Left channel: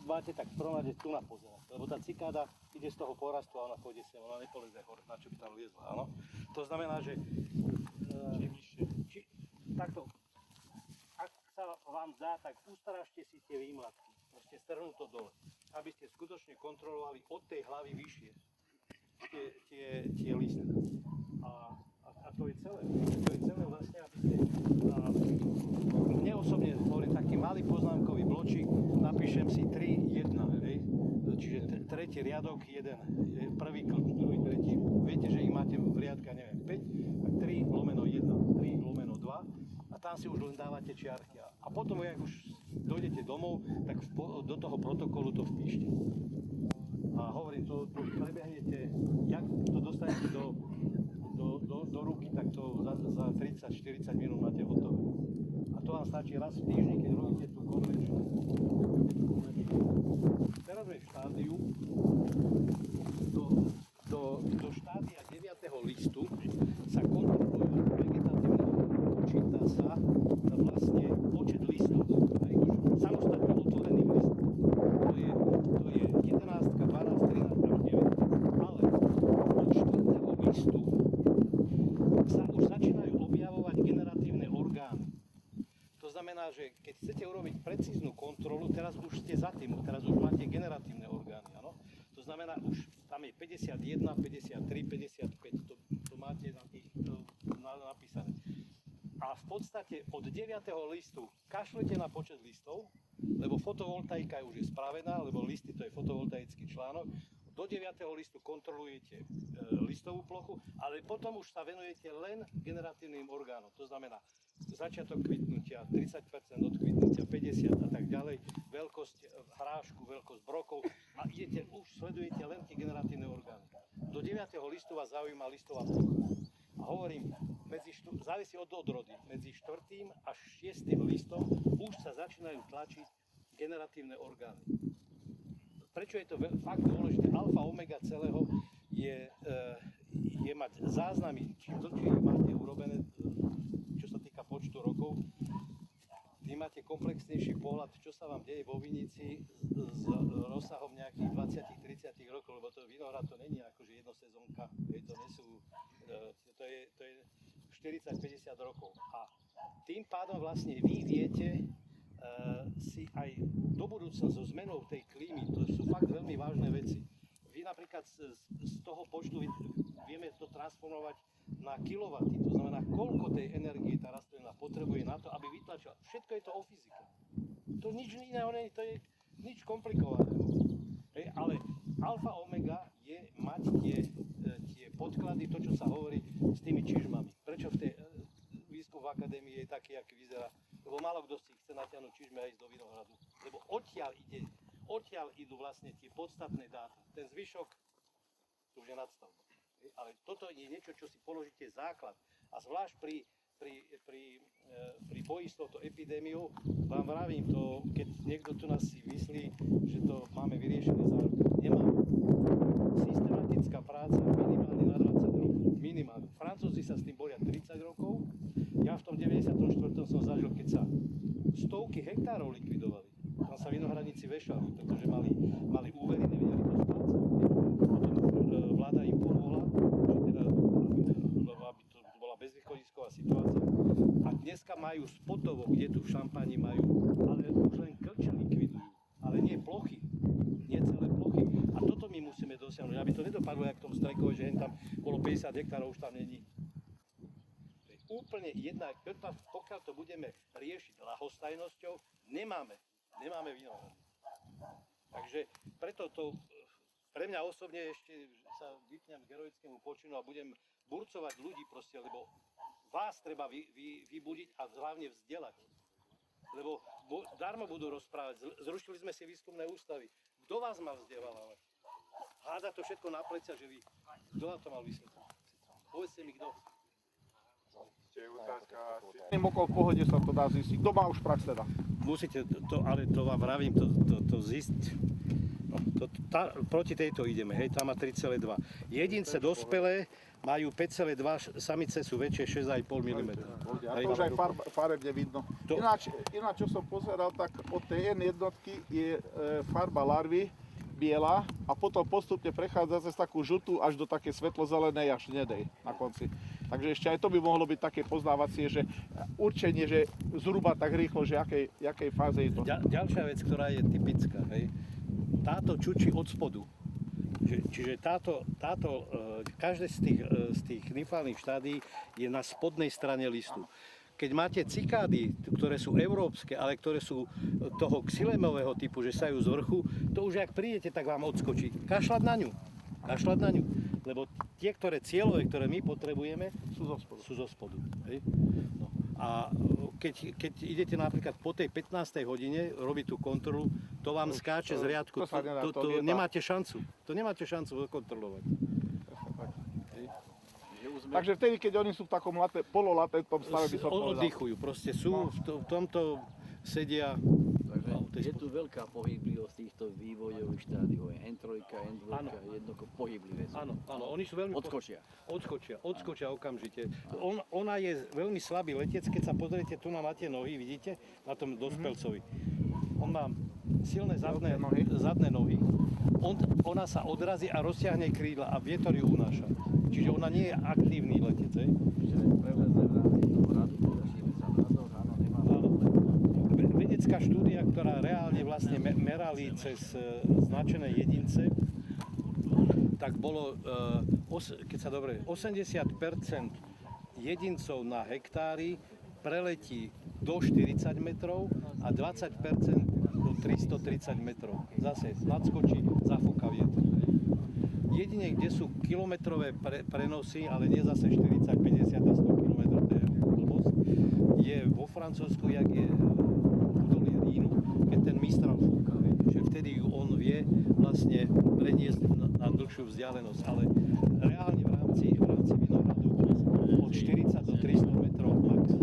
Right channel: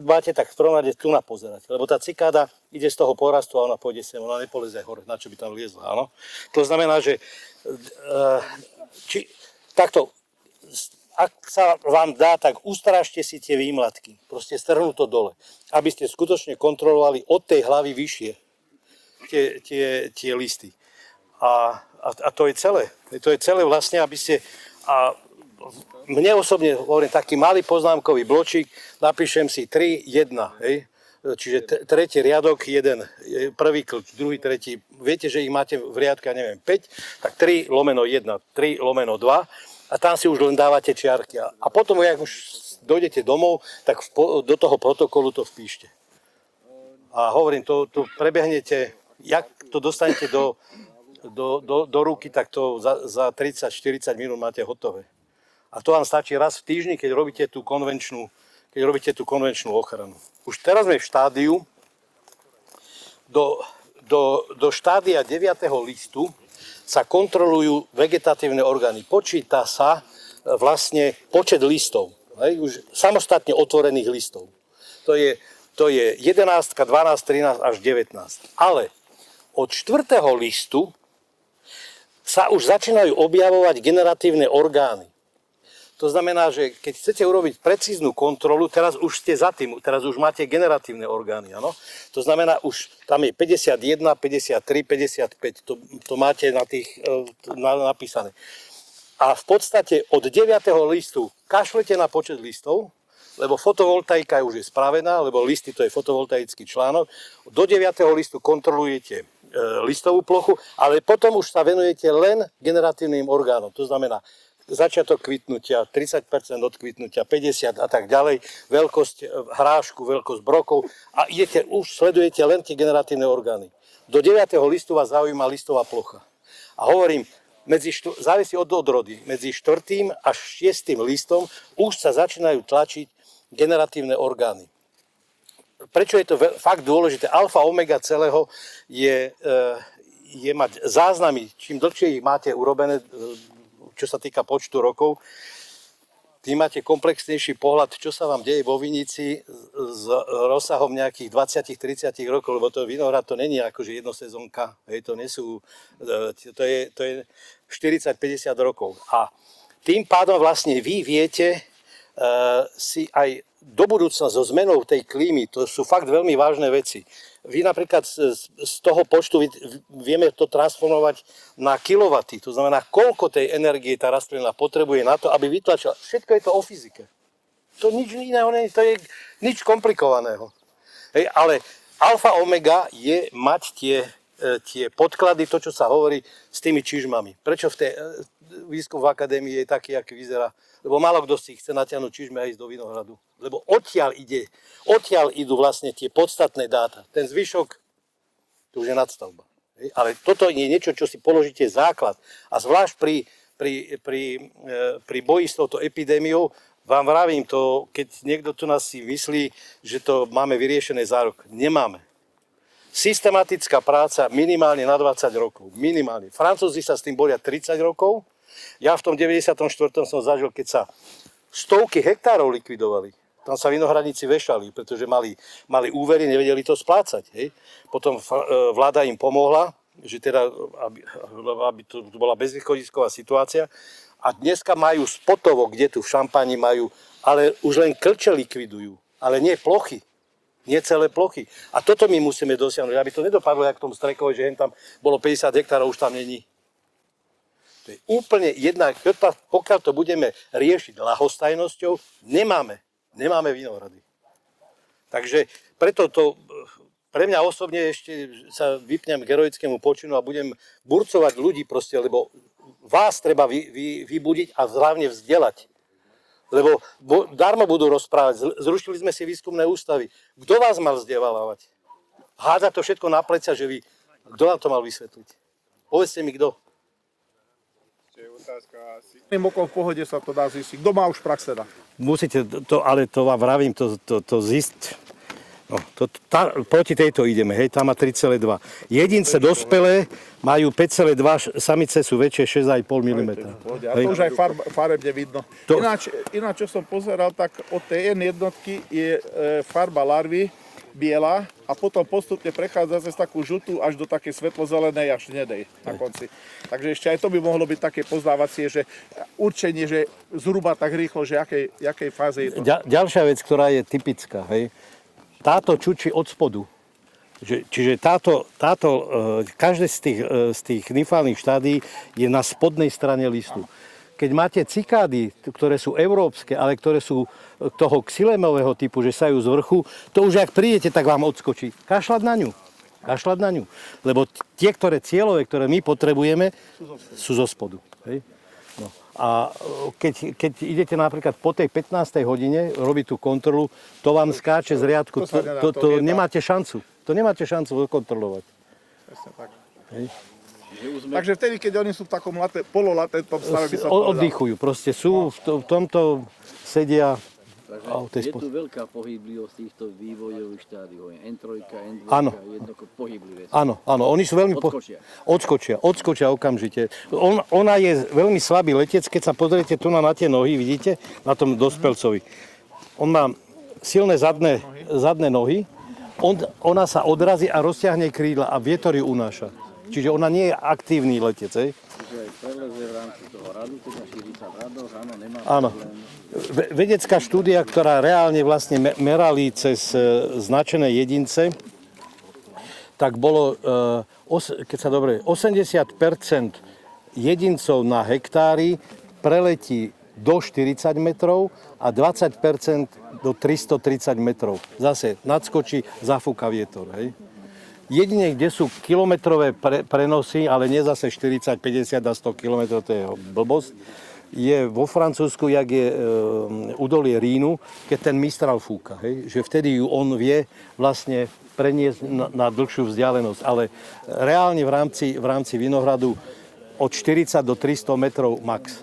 máte, tak v prvom rade tu na pozerať, lebo tá cikáda ide z toho porastu a ona pôjde sem, ona nepoleze hore, na čo by tam liezla, áno. To znamená, že takto, ak sa vám dá, tak ustražte si tie výmlatky, proste strhnú to dole, aby ste skutočne kontrolovali od tej hlavy vyššie tie listy. A to je celé. To je celé vlastne, aby ste... Mne osobne hovorím taký malý poznámkový bločík, napíšem si 3, 1, hej? Čiže tretí riadok, jeden, prvý, druhý, tretí. Viete, že ich máte v riadka, neviem, 5, tak 3 lomeno 1, 3 lomeno 2 a tam si už len dávate čiarky. A potom, ak už dojdete domov, tak do toho protokolu to vpíšte. A hovorím, to prebehnete, jak to dostanete do ruky, tak to za 30-40 minút máte hotové. A to vám stačí raz v týždni, keď robíte tú konvenčnú ochranu. Už teraz sme v štádiu, do štádia 9. listu sa kontrolujú vegetatívne orgány. Počíta sa vlastne počet listov, už samostatne otvorených listov. To je 11, 12, 13 až 19. Ale od 4. listu sa už začínajú objavovať generatívne orgány. To znamená, že keď chcete urobiť precíznu kontrolu, teraz už ste za tým, teraz už máte generatívne orgány, áno? To znamená, už tam je 51, 53, 55, to máte napísané. A v podstate od 9. listu kašlete na počet listov, lebo fotovoltaika už je spravená, lebo listy to je fotovoltaický článok. Do 9. listu kontrolujete listovú plochu, ale potom už sa venujete len generatívnym orgánom. To znamená začiatok kvitnutia, 30% od kvitnutia, 50 a tak ďalej, veľkosť hrášku, veľkosť brokov a sledujete len tie generatívne orgány. Do 9. listu vás zaujíma listová plocha. A hovorím, závisí od odrody, medzi 4. až 6. listom už sa začínajú tlačiť generatívne orgány. Prečo je to fakt dôležité? Alfa, omega celého je mať záznamy, čím dlhšie ich máte urobené, čo sa týka počtu rokov, tým máte komplexnejší pohľad, čo sa vám deje vo vinici s rozsahom nejakých 20-30 rokov, lebo to vinohrad to není akože jednosezónka, to je 40-50 rokov. A tým pádom vlastne vy viete si aj do budúcna so zmenou tej klímy, to sú fakt veľmi vážne veci. Vy napríklad z toho počtu vieme to transformovať na kilowaty. To znamená, koľko tej energie tá rastlina potrebuje na to, aby vytlačila. Všetko je to o fyzike. To nič iného nie je, to je nič komplikovaného. Ale alfa omega je mať tie podklady, to, čo sa hovorí s tými čižmami. Prečo výskum v akadémii je taký, aký vyzerá? Lebo málo kto si chce natiahnuť čižme a ísť do vinohradu. Lebo odtiaľ idú vlastne tie podstatné dáta. Ten zvyšok, to už je nadstavba. Ale toto je niečo, čo si položíte základ. A zvlášť pri boji s touto epidémiou, vám vravím to, keď niekto tu nás si myslí, že to máme vyriešené za rok. Nemáme. Systematická práca minimálne na 20 rokov. Minimálne. Francúzi sa s tým boria 30 rokov. Ja v tom 94. som zažil, keď sa stovky hektárov likvidovali. Tam sa vinohradníci vešali, pretože mali úvery, nevedeli to splácať. Potom vláda im pomohla, že teda, aby to bola bezvýchodisková situácia. A dneska majú spotovo, kde tu v Šampáni majú, ale už len klče likvidujú, ale nie plochy. Nie celé plochy. A toto my musíme dosiahnuť, aby to nedopadlo, jak v tom Strekovi, že tam bolo 50 hektárov, už tam není. To je úplne jedna, pokiaľ to budeme riešiť ľahostajnosťou, nemáme vinohrady. Takže preto to, pre mňa osobne ešte sa vypnem k heroickému počinu a budem burcovať ľudí proste, lebo vás treba vybudiť a hlavne vzdelať. Lebo darmo budú rozprávať. Zrušili sme si výskumné ústavy. Kto vás mal vzdelávať? Hádza to všetko na plecia, že vy... Kto vám to mal vysvetliť? Povedzte mi, kto. Okolo v pohode sa to dá zistiť. Kto má už prax teda? Musíte, ale to vám vravím, to No, proti tejto ideme, hej, tam má 3,2. Jedince dospelé majú 5,2, samice sú väčšie 6,5 mm. A to už aj farebne vidno. Ináč, čo som pozeral, tak od tej jednotky je farba larvy biela a potom postupne prechádza cez takú žltú až do také svetlozelenej až hnedej na konci. Takže ešte aj to by mohlo byť také poznávacie, že určenie, že zhruba tak rýchlo, že jakej fáze je to. Ďalšia vec, ktorá je typická, hej, táto čučí od spodu. Čiže každé z tých nymfálnych štádí je na spodnej strane listu. Keď máte cikády, ktoré sú európske, ale ktoré sú toho xylémového typu, že sajú z vrchu, to už ak prídete, tak vám odskočí. Kašľať na ňu. Lebo tie, cieľové, ktoré my potrebujeme, sú zo spodu. Hej? No. A keď idete napríklad po tej 15. hodine robiť tú kontrolu, to vám skáče z riadku. To nemáte šancu. To nemáte šancu kontrolovať. Hej? Takže vtedy, keď oni sú v takom pololatentnom stave, by som oddychujú, proste sú v tomto sedia. Je tu veľká pohyblivosť týchto vývojových štádiov. N3, N2, jednoducho pohyblivé. Áno, oni sú veľmi odskočia okamžite. Ona je veľmi slabý letec, keď sa pozriete tu na tie nohy, vidíte, na tom dospelcovi. On má silné zadné nohy, ona sa odrazí a rozťahne krídla a vietor ju unáša. Čiže ona nie je aktívny letec, hej? Áno. Vedecká štúdia, ktorá reálne vlastne merali cez značené jedince, tak bolo, keď sa dobre, 80% jedincov na hektári preletí do 40 metrov a 20% do 330 metrov. Zase nadskočí, zafúka vietor, hej? Jedine, kde sú kilometrové prenosy, ale nie zase 40, 50 a 100 km, to je blbosť, je vo Francúzsku, jak je údolie Rínu, keď ten Mistral fúka. Hej? Že vtedy ju on vie vlastne preniesť na dlhšiu vzdialenosť. Ale reálne v rámci Vinohradu od 40 do 300 metrov max.